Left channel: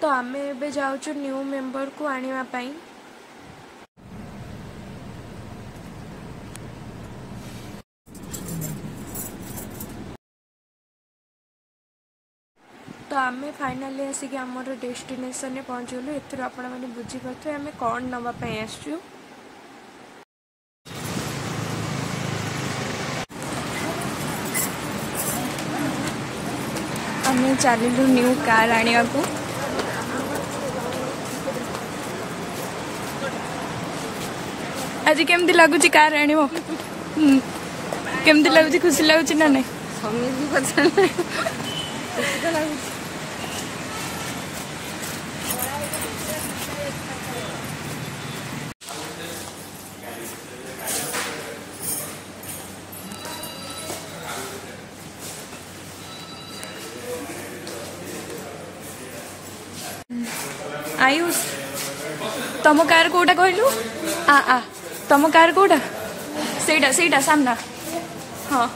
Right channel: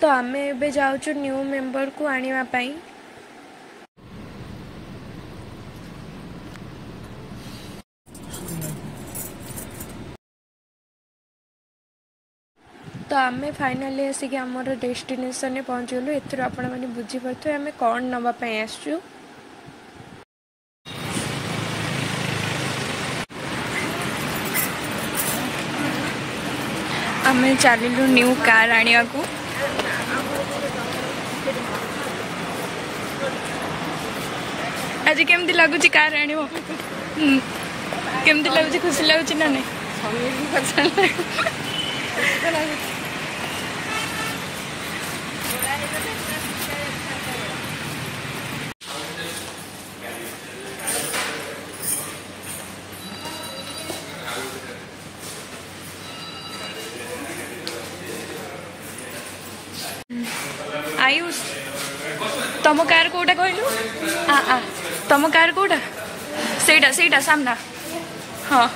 तो आमे एबे जाउछु न्यू मेंबर को आनिवा पाई। तो आमे फाइनली आसिक आमर डेस्टिनेशन में पहुँचलु। एथर आपण माने बुझी पारथु आमे कोन नबा पई आसछु। आमे चलिलु न्यू कार आनिया को। आज केमती लगुच कार आनिबो केमती लगुच खुशी लगुच ना नहीं आयुष तम कार कोटा कहलु तम कार कोटा सेटा सेटा सामना हाँ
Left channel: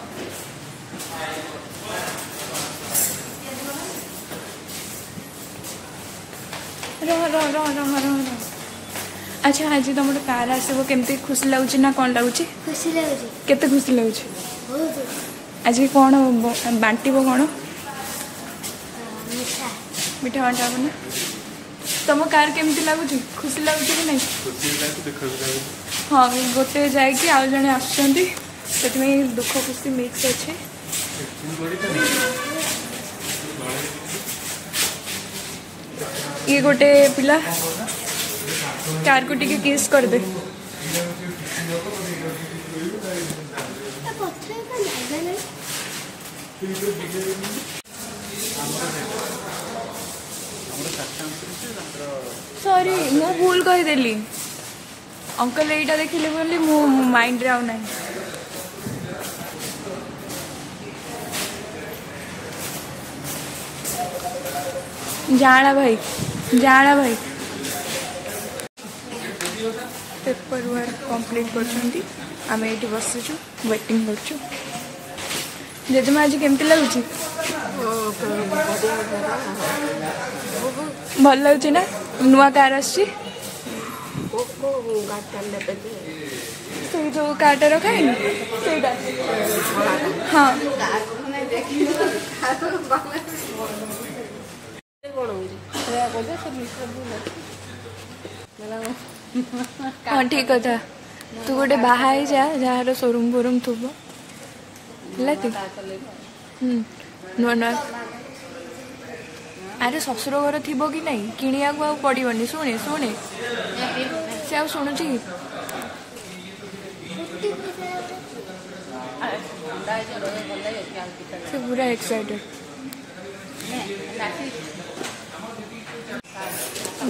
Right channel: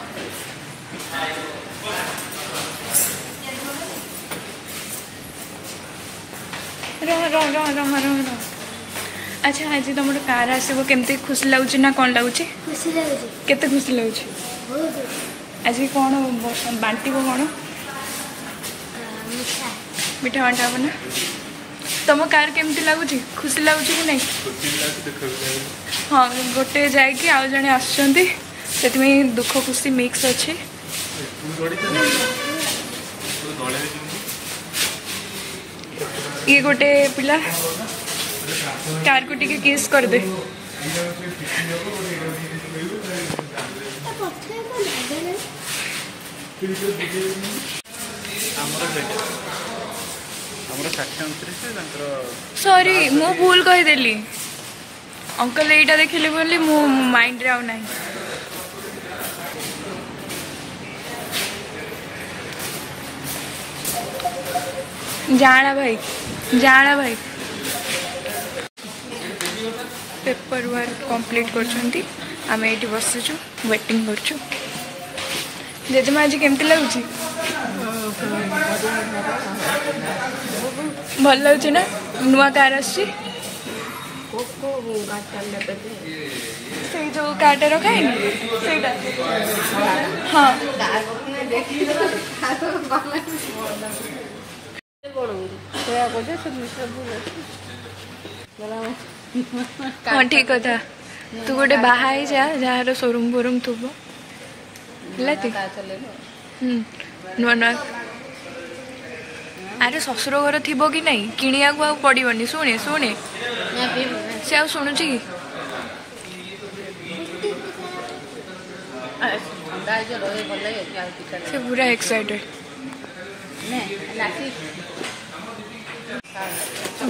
रह रह रह रह रह रह अच्छा आज तुम कार आसब केमती खुशी लगुच ना कौन लगुच खुशी लगुच केते खुशी लगुच आज कौन बांटब कौन मिठा बांटा हम ना तुम कार केमती लगुच खुशी लगुच कि नहीं हाँ गोटे जाकि आउ जड़े आसुँच दुख खुशी मिक्स अच्छे ये गोटे पिला कार को टिके किस कर दे सॉरी मु भूल कहीदेली अंकल एटा देखिले बोली मो माइंड रे आउ नाही जाना भाई पेपर वर्क कंप्लीट करछंती आमे एठी बसछु वेटिंग करछु। जेजमा आज केमती लगुच भल लगुच ना नुआ कार आसी जो कार्ड रखा है हाँ हाँ ठीक कथा तू गोटे बाहा जा जार शोरूम बोरूम थुब नुआ नुआ अरे ससुर घर थी कि नहीं किणिया को पड़ोनी शुणे शुणे से आ शुणु कि से पूरा एक्साइटेड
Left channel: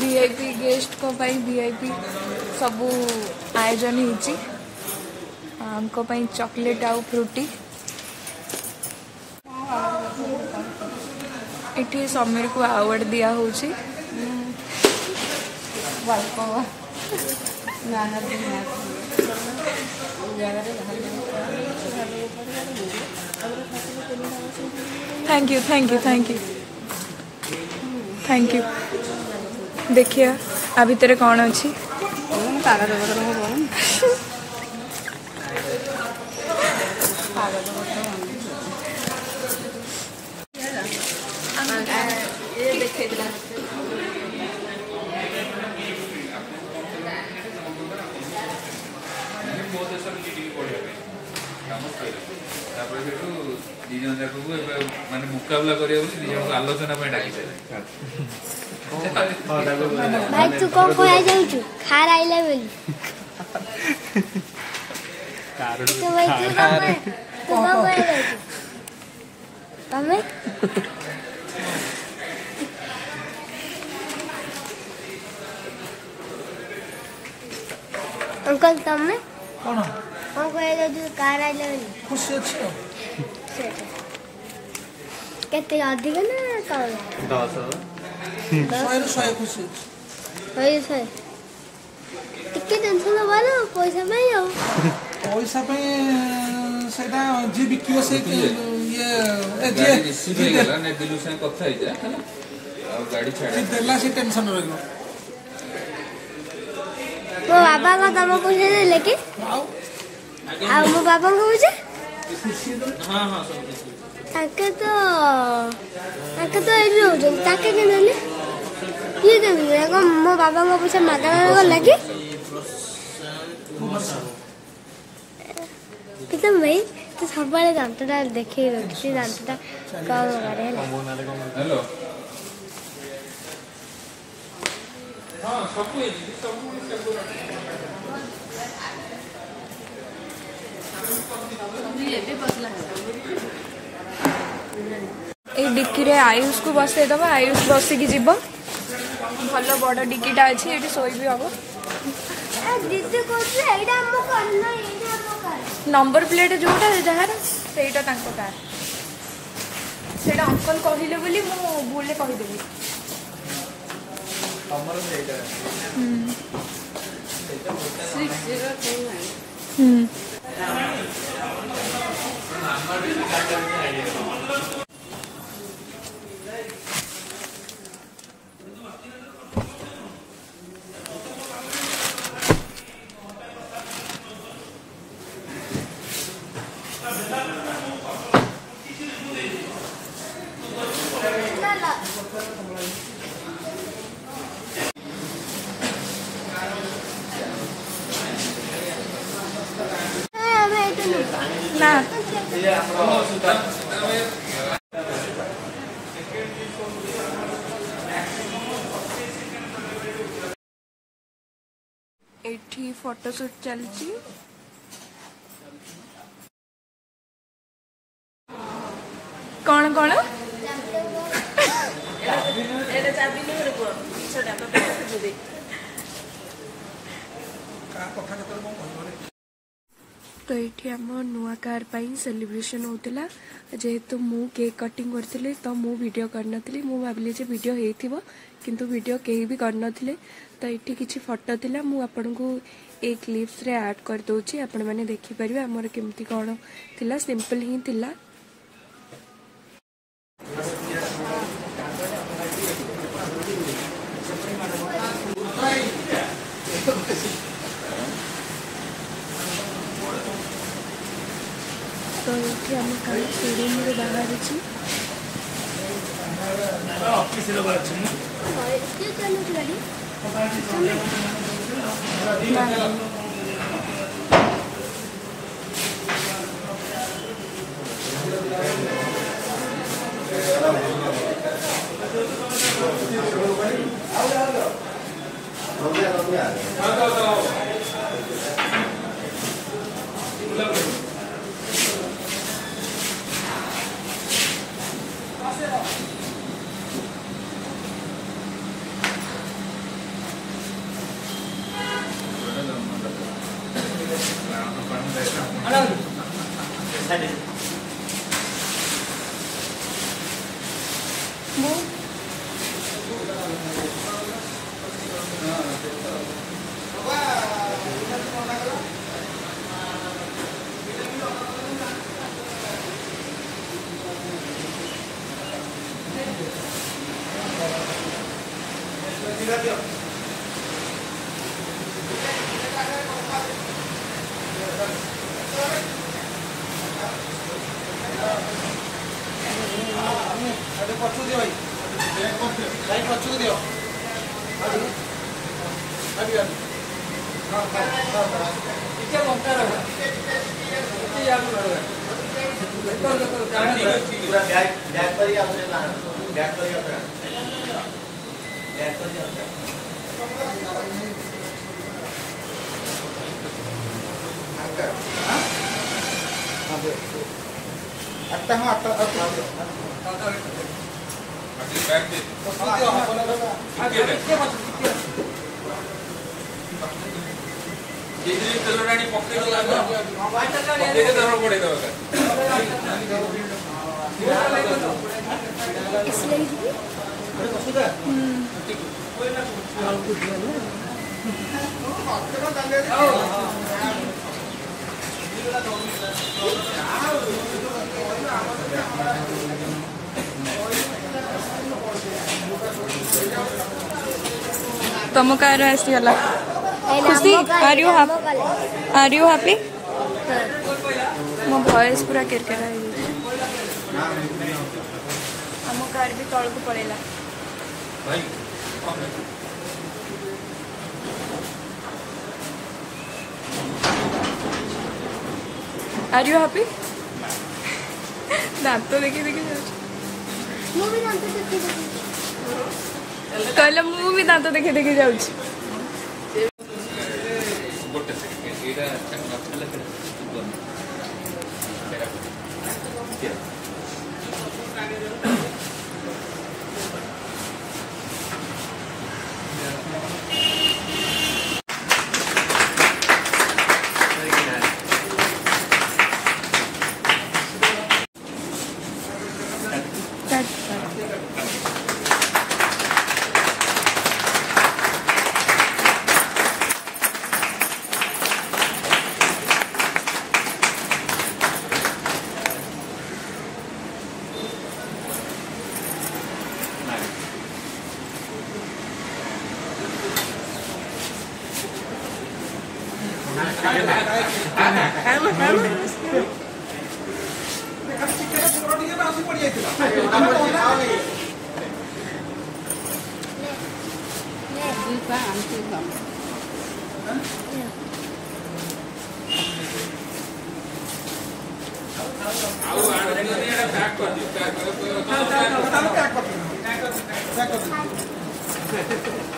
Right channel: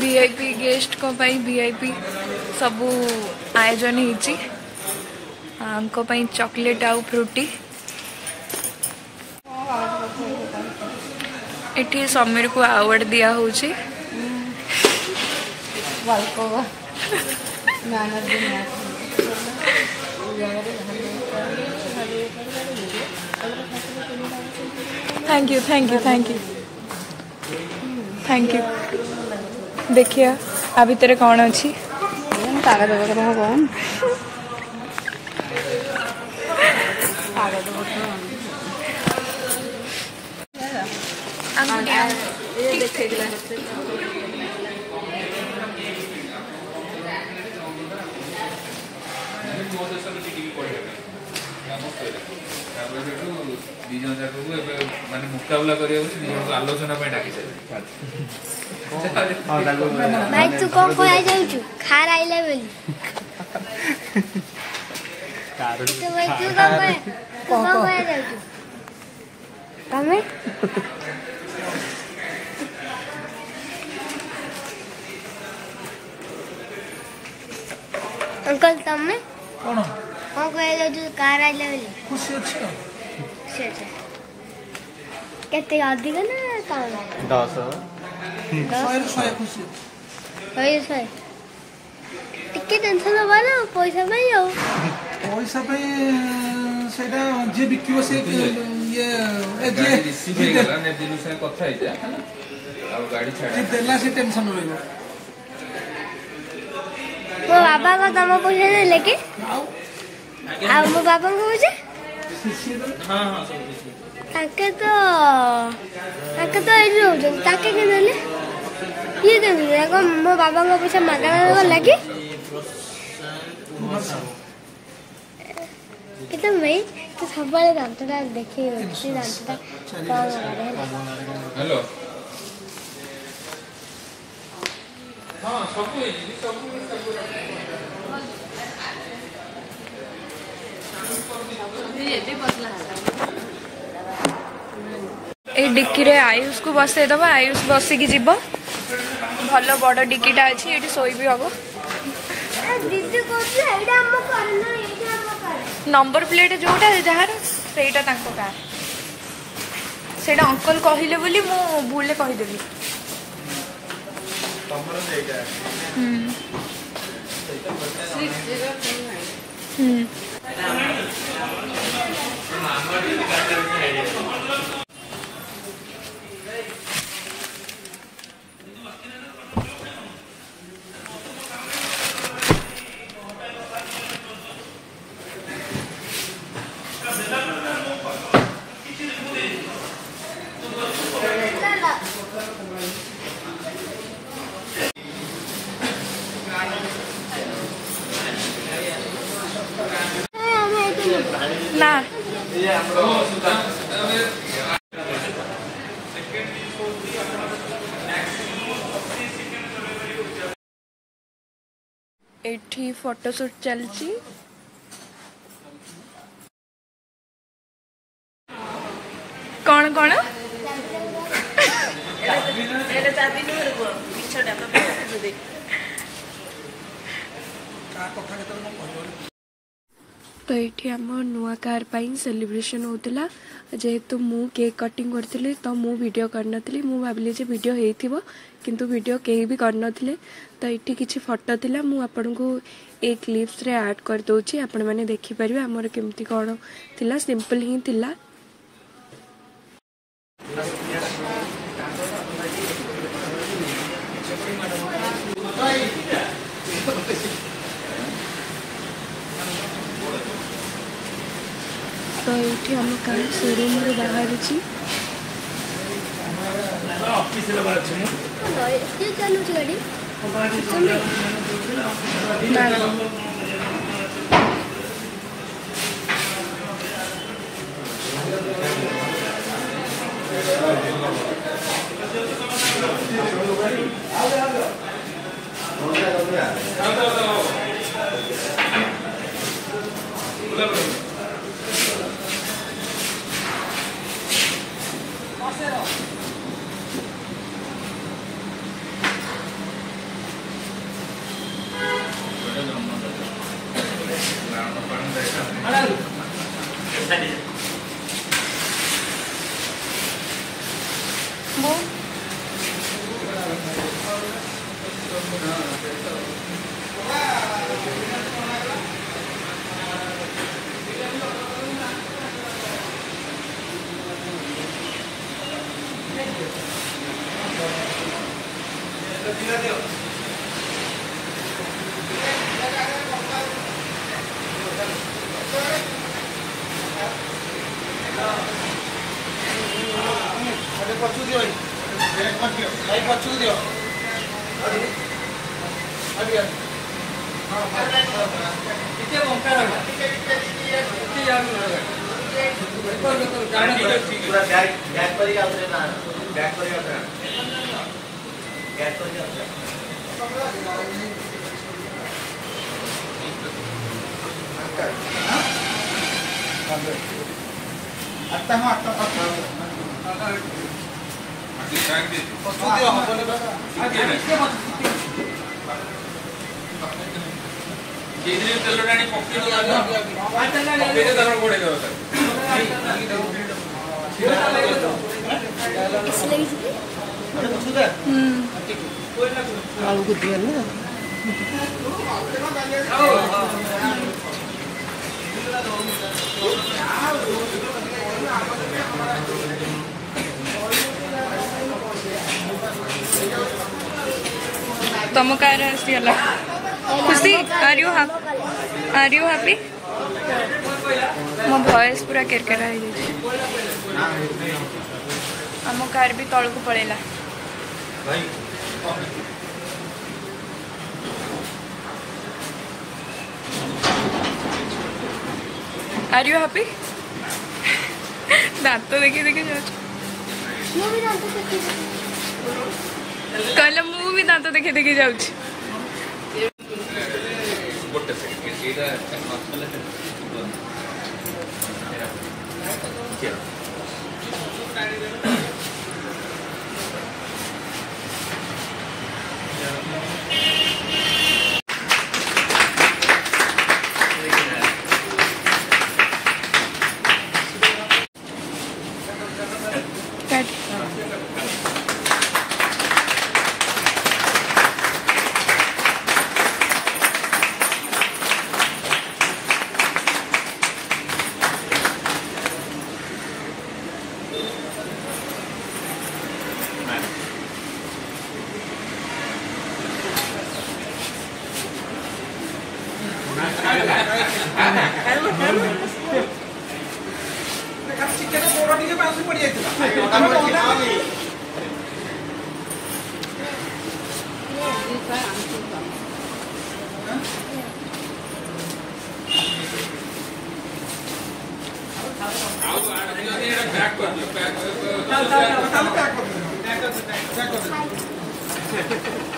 वीआईपी गेस्ट को पाई वीआईपी सबू आयोजन होती चॉकलेट आउ फ्रूटी एठी समीर को अवार्ड दिया होची thank you thank you thank you thank you. देखिए आ भितर कौन अच्छी मुकाबला आलोचना भाई तू कौन को आ जाऊ खार आइला बोली तो भाई तू कौन को आ जाऊ तमे अंकल तमे कौन कौन को आ जाऊ कार आइला बोली खुशी अच्छी हो केते अधिक ना कम 10 100 खुशी अच्छी टिके टेंशन वाला पैसा पे जाओ पैसा पे सेटा जे बिकियो से ये ए जे रिसीव हे गला ने दिलु से कथा हे जा से देला से टेंशन रहियो मो बाबा का तम पैसा देले कि आ मो बाबा को पूछे हां हां सब ताके तो एडी रहउछन ताके के नले ये देखो मो बाबा को पैसा मागला लगे कितना भाई तो सबले दांतटा देखि छी दांतटा कौन गाड़े हेलो हां सब ए डिक्की रे आयुष को बसई दबा आयुष बसिकी जीव भल बड़ डिक्कीटा अच्छी ये शोई भी हम दीदी को एडा हम करना एडा हम कर नंबर प्लेट जोटा जार सेटा तांको कार सेटा अंकल कहले बोली मु भूले कहिदेली तमरो एटा ना एठी फोटोशूट चलची कौन कौन तो ये आम नुआ कार सेलिब्रेशन होता जेहेतु मु केक कटिंग करती तो मु वीडियो करनी मु भाविली जे वीडियो होइथिबो किंतु वीडियो कहीं भी करनथिले तो ये किसी फोटो थिला मु आपन को एक क्लिप्स रे ऐड कर दोची आपण माने देखि परिबे हमर केमती कोन थिला सिंपल ही थिला तो ये आम कल शोरूम रे बाहर छी ऑफिस रे बाहर छी क्यों करनो छी गाड़ी ना वो पछू दियो भाई पछू दियो अभी हां इते घंटा रहा इते जाम रहा पूरा बैक पर ही आपने बैक पर ही आपने बैक पर ही आता हम आता तुम कार आसीगला खुशी आर यू हैप्पी मो वॉइस पूरा केरकेरा हो जाए आम कार भी तल को पड़ेला आर यू हैप्पी दांत देखी देखी जाऊँ कहले मु भी दांत देखी देखी जाऊँ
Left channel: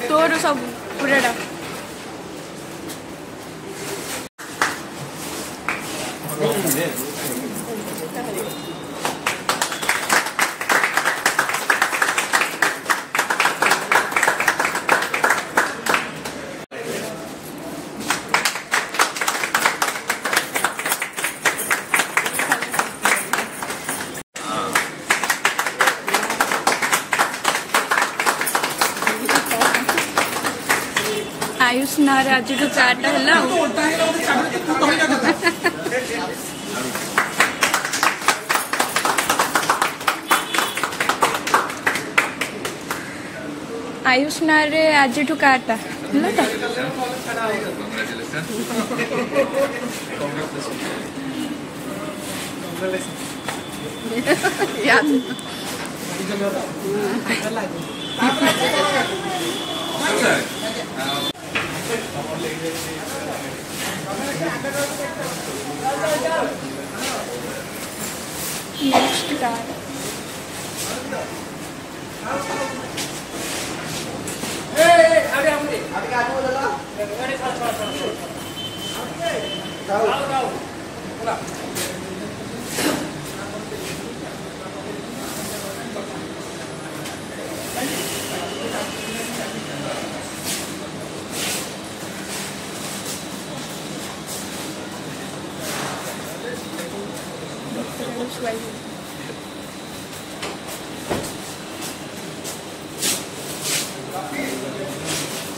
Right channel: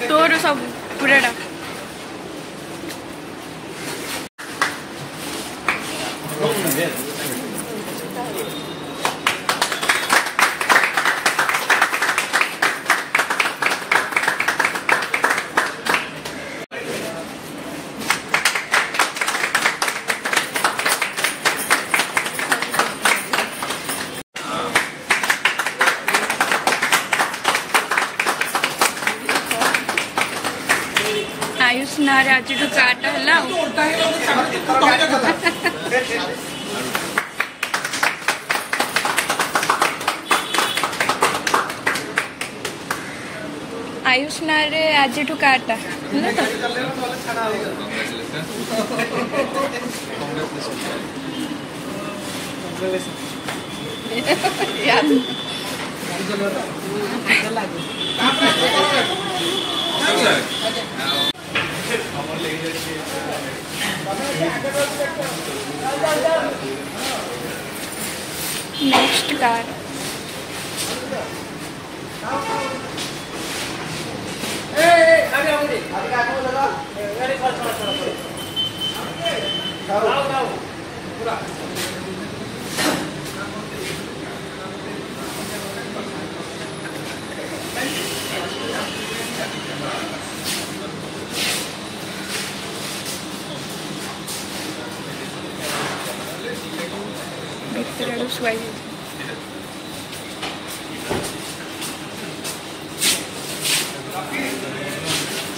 तोर सब पूराटा आयुष नारे आज काटा है आयुष नारे आज काटा नेक्स्ट कार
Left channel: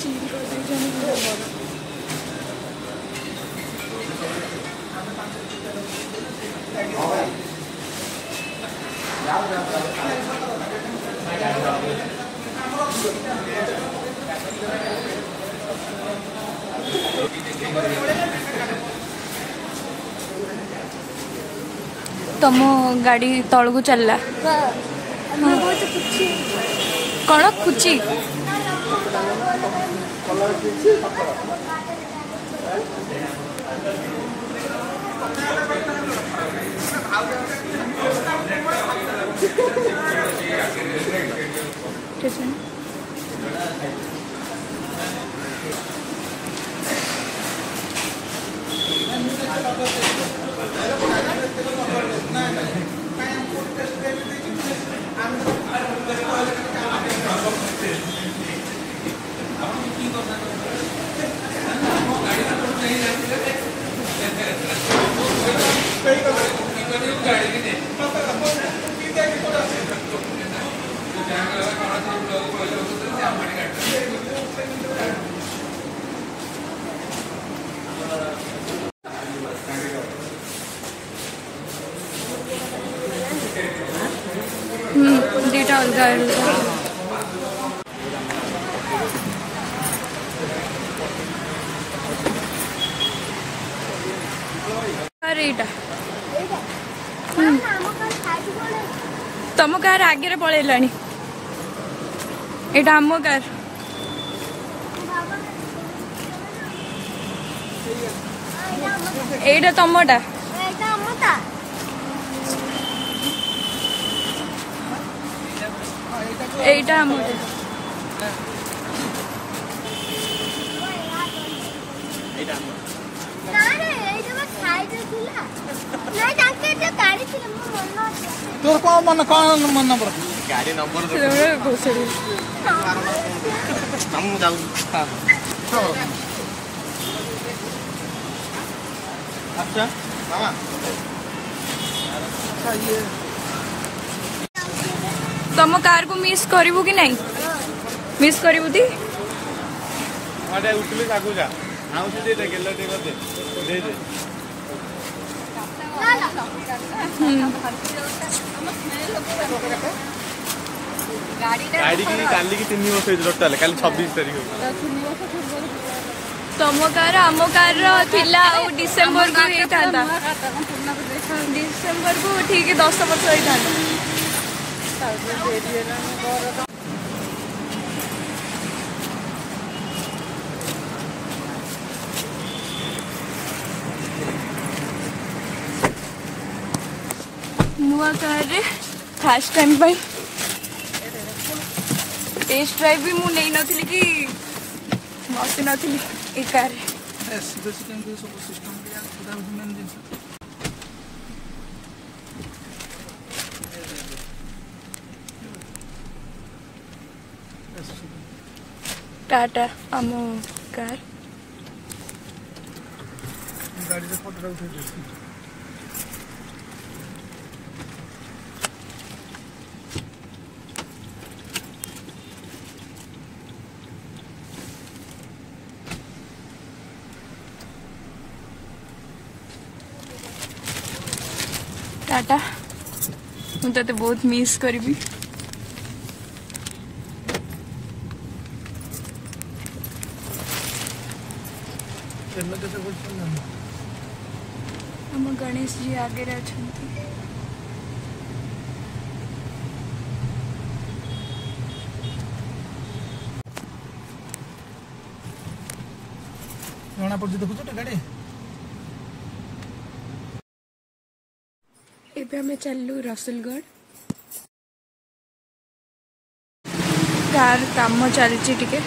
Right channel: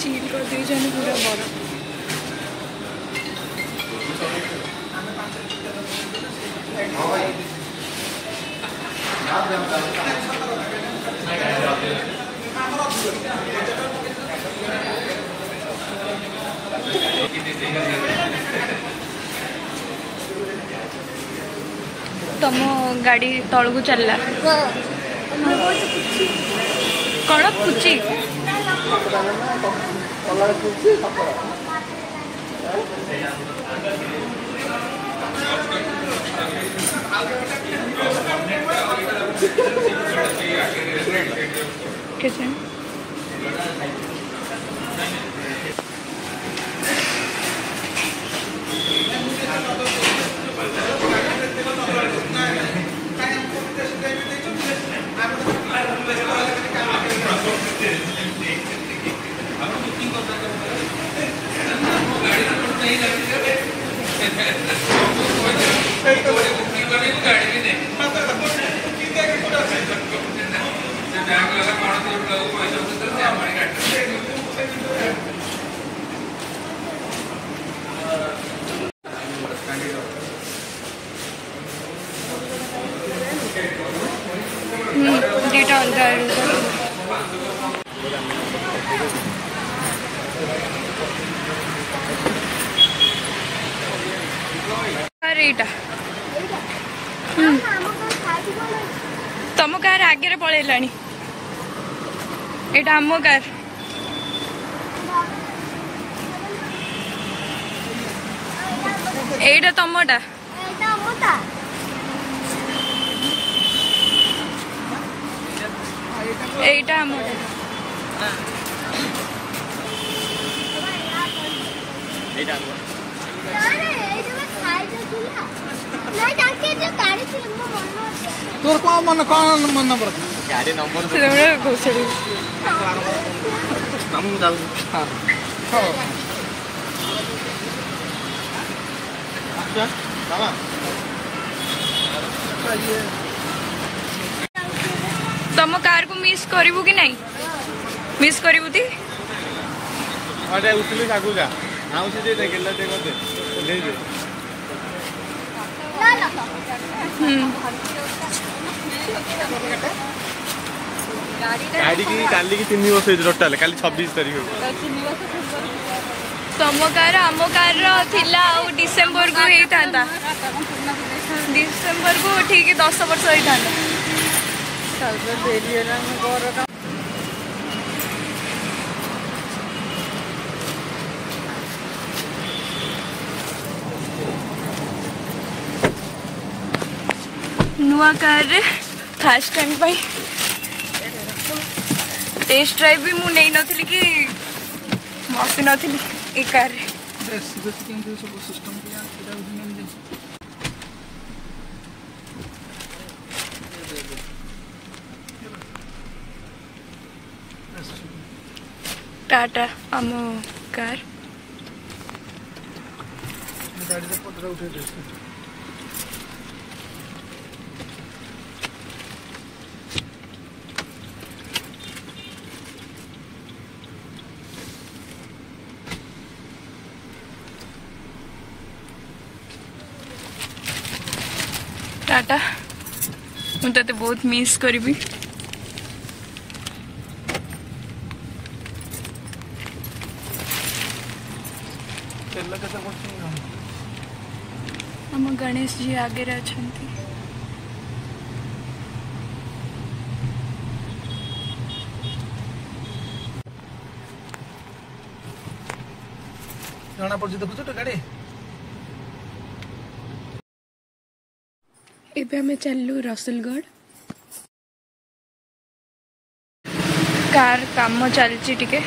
चील कर दी जाने पूरा बड़ा तुम गाड़ी तल को चलला कौन खुची कैसे डेटा अलग कार एटा तुम कार आगे पलैलानी एटा आम कार एटा तुमटा एटा आमटा तोर कौन मन नंबर गाड़ी नंबर घोषड़ी हम जाऊ अच्छा मामा तुम कार को मिस करू कि नहीं मिस करू ती अरे उठले आगु जा नाउ से दे गेल दे दे गाड़ी की काली की 3 वर्ष टोटल काली 26 तारीख तुम कार आम कार थिला डिसेम्बर को होता डिसेम्बर को ठीक 10 वर्ष होता नुआ कार फास्ट टाइम भाई टेस्ट ड्राइव भी मु नहीं नथिली कि बसी नथिली ए कार टाटा आम कार टाटा मुझे बहुत मिस करी हम गणेश जी आगे अच्छा जना पड़ देखु तो गाड़ी एबे हमें चलू रसलगढ़ कार काम चलची टिके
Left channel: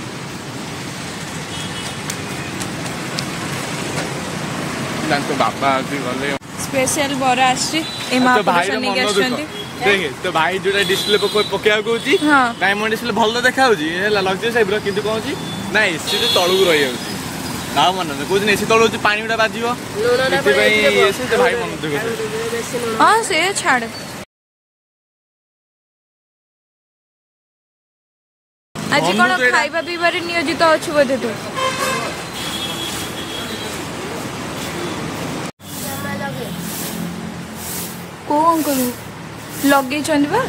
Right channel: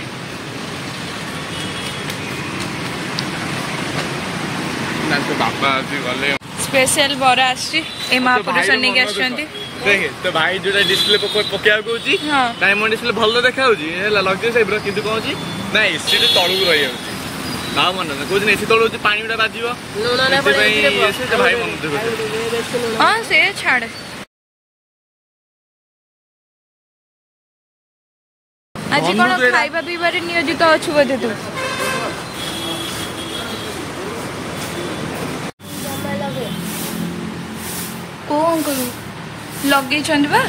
स्पेशल बरा आसी ए महापुरुष नहीं आछंती देखे तो भाई जोटा डिस्प्ले पकेया कोची डायमंड डिस्प्ले भलो देखा होची हेला लग्जरी टाइप रो किंतु कोची ना एसी तो तळु रही होची ना मन कोच एसी तळु होची पानी उडा बाजिवो एते भाई एसी तो भाई मन देखो हां से छाड़ आज कोन खाइबा पीबारे नियोजित अछु बोधे तू को अंकल लगे चंदवा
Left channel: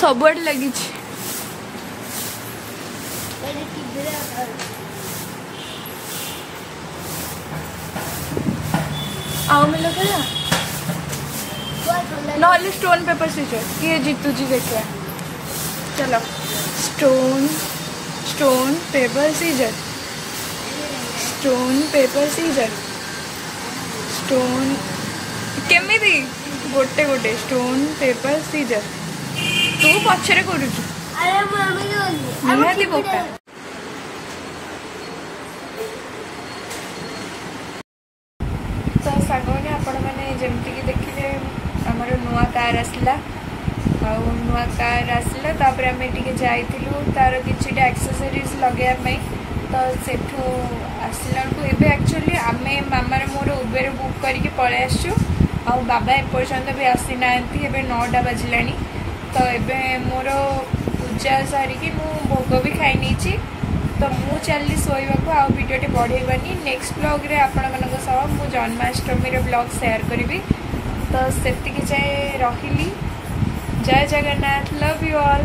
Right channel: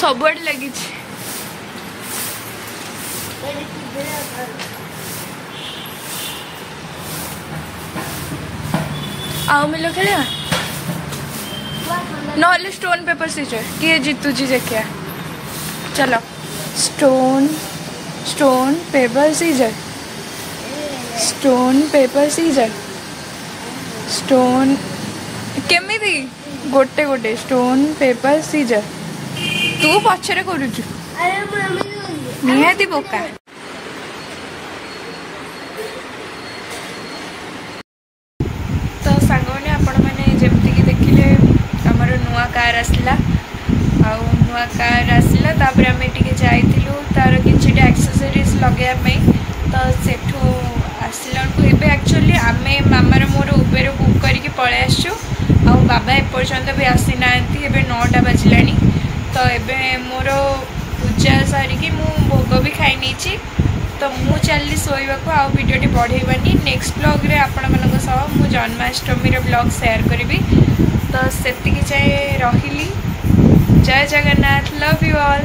सबुआडे लगी आओ मिलो खड़े नॉले स्टोन पेपर सीजर किए जीतू जी देखिए चलो stone stone paper scissor stone paper scissor stone केमिति गोटे गोटे स्टोन पेपर सीजर तू पछरे करूछु अरे मम्मी निहाती बोका तो सांगने आपण मैंने जमती कि देखिले हमर नुआ कार आसला आउ नुआ कार आसला तापर आमे टिके जाइतिलु तार किछिटा एक्सेसरीज लगेया पई तो सेठू आसला एबे एक्चुअली आमे मामार मोर उबेर बुक करके पळे आसछु आ बाबा एपर्यंत भी आसी नांती एबे 9टा बाजिलानी तो एबे मोर पूजा सारिकी मु भोग भी खाई नीची तो मु चलली सोइबाको आ वीडियोटी बढ़ेबानी नेक्स्ट ब्लॉग रे आपण मानक सह मु जन्माष्टमी रे ब्लॉग शेयर करिवि तो सेतिकी जाय रहिली जय जगन्नाथ लव यू ऑल।